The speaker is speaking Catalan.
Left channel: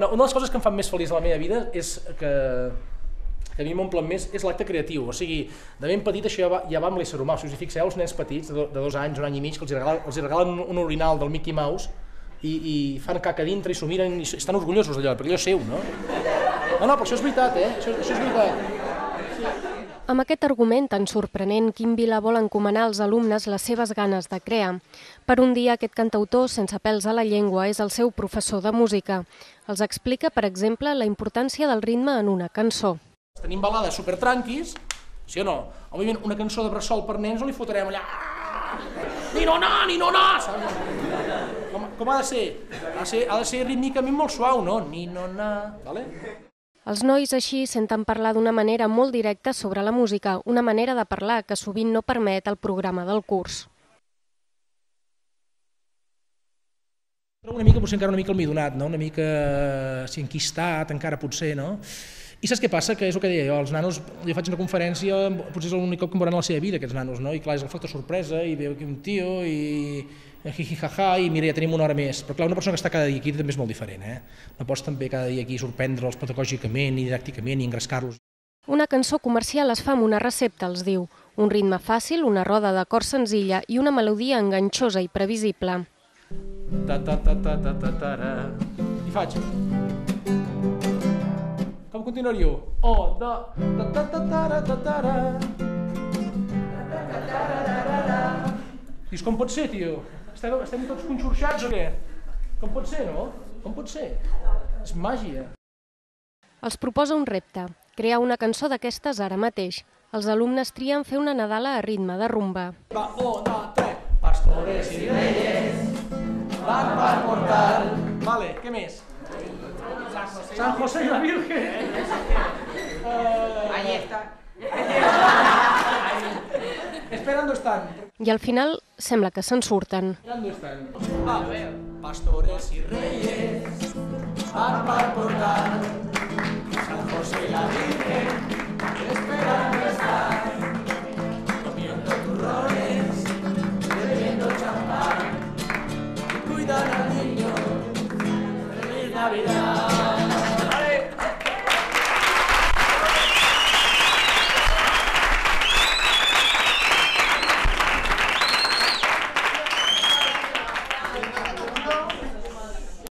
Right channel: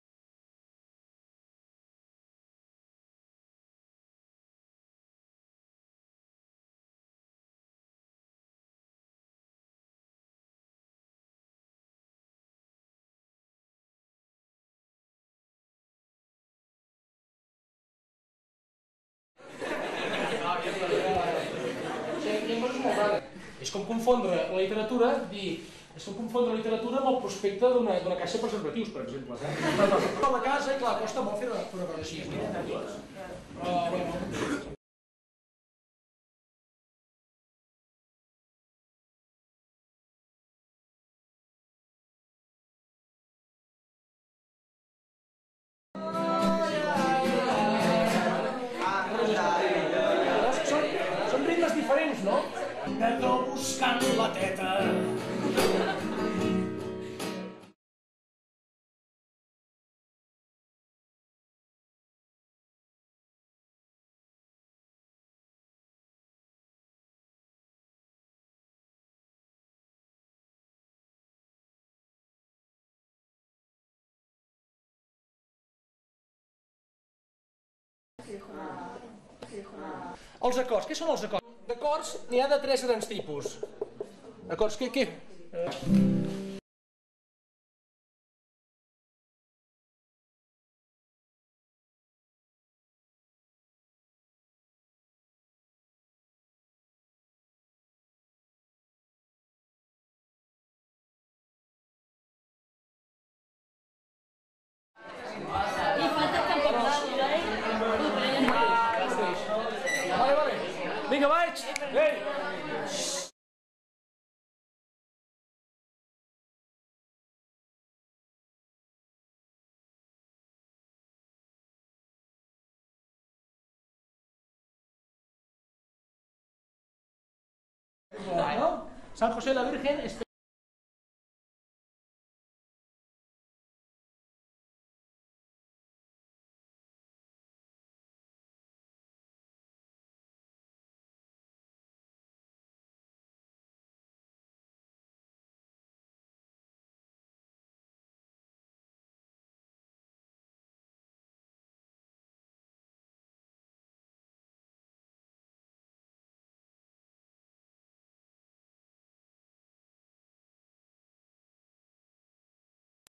No, una de les coses que em fan més feliç a la meva vida és que a mi m'omplen més és l'acte creatiu, o sigui, de ben petit això ja va amb l'ésser humà. Si us hi fixeu, els nens petits de 2 anys, 1 any i mig, que els regalen un orinal del Mickey Mouse i fan caca dintre i s'ho miren i estan orgullosos d'allò, perquè allò és seu, no? No, però això és veritat, això és veritat. Amb aquest argument tan sorprenent, Quim Vila vol encomanar als alumnes les seves ganes de crear. Per un dia, aquest cantautor, sense pèls a la llengua, és el seu professor de música. Els explica, per exemple, la importància del ritme en una cançó. Tenim balades supertranquis, sí o no? Òbviament, una cançó de bressol per nens no li fotrem allà... Ni no, saps? Com ha de ser? Ha de ser rítmicament molt suau, no? Ni no, vale? Els nois així senten parlar d'una manera molt directa sobre la música, una manera de parlar que sovint no permet el programa del curs. Una mica, potser encara una mica almidonat, no? Una mica enquistat, encara potser, no? I saps què passa? Que és el que deia jo, els nanos, jo faig una conferència, potser és l'únic cop que em veuran a la seva vida, aquests nanos, no? I clar, és el factor sorpresa, i veu aquí un tio, i jijijaja, i mira, ja tenim 1 hora més. Però clar, una persona que està cada dia aquí també és molt diferent, No pots també cada dia aquí sorprendre'ls pedagògicament, i didàcticament, i engrescar-los. Una cançó comercial es fa amb una recepta, els diu. Un ritme fàcil, una roda d'acords senzilla i una melodia enganxosa i previsible. I faig... Com continuaríeu? Dius, com pot ser, tio? Estem tots conxorxats o què? Com pot ser, no? Com pot ser? És màgia. Els proposa un repte, crear una cançó d'aquestes ara mateix. Els alumnes trien fer una Nadala a ritme de rumba. Pastores y reyes van para portar... Vale, què més? San José y la Virgen. Ahí está. Esperando están. I al final sembla que se'n surten. Esperando están. Pastores y reyes van para portar San José y la Virgen esperando están.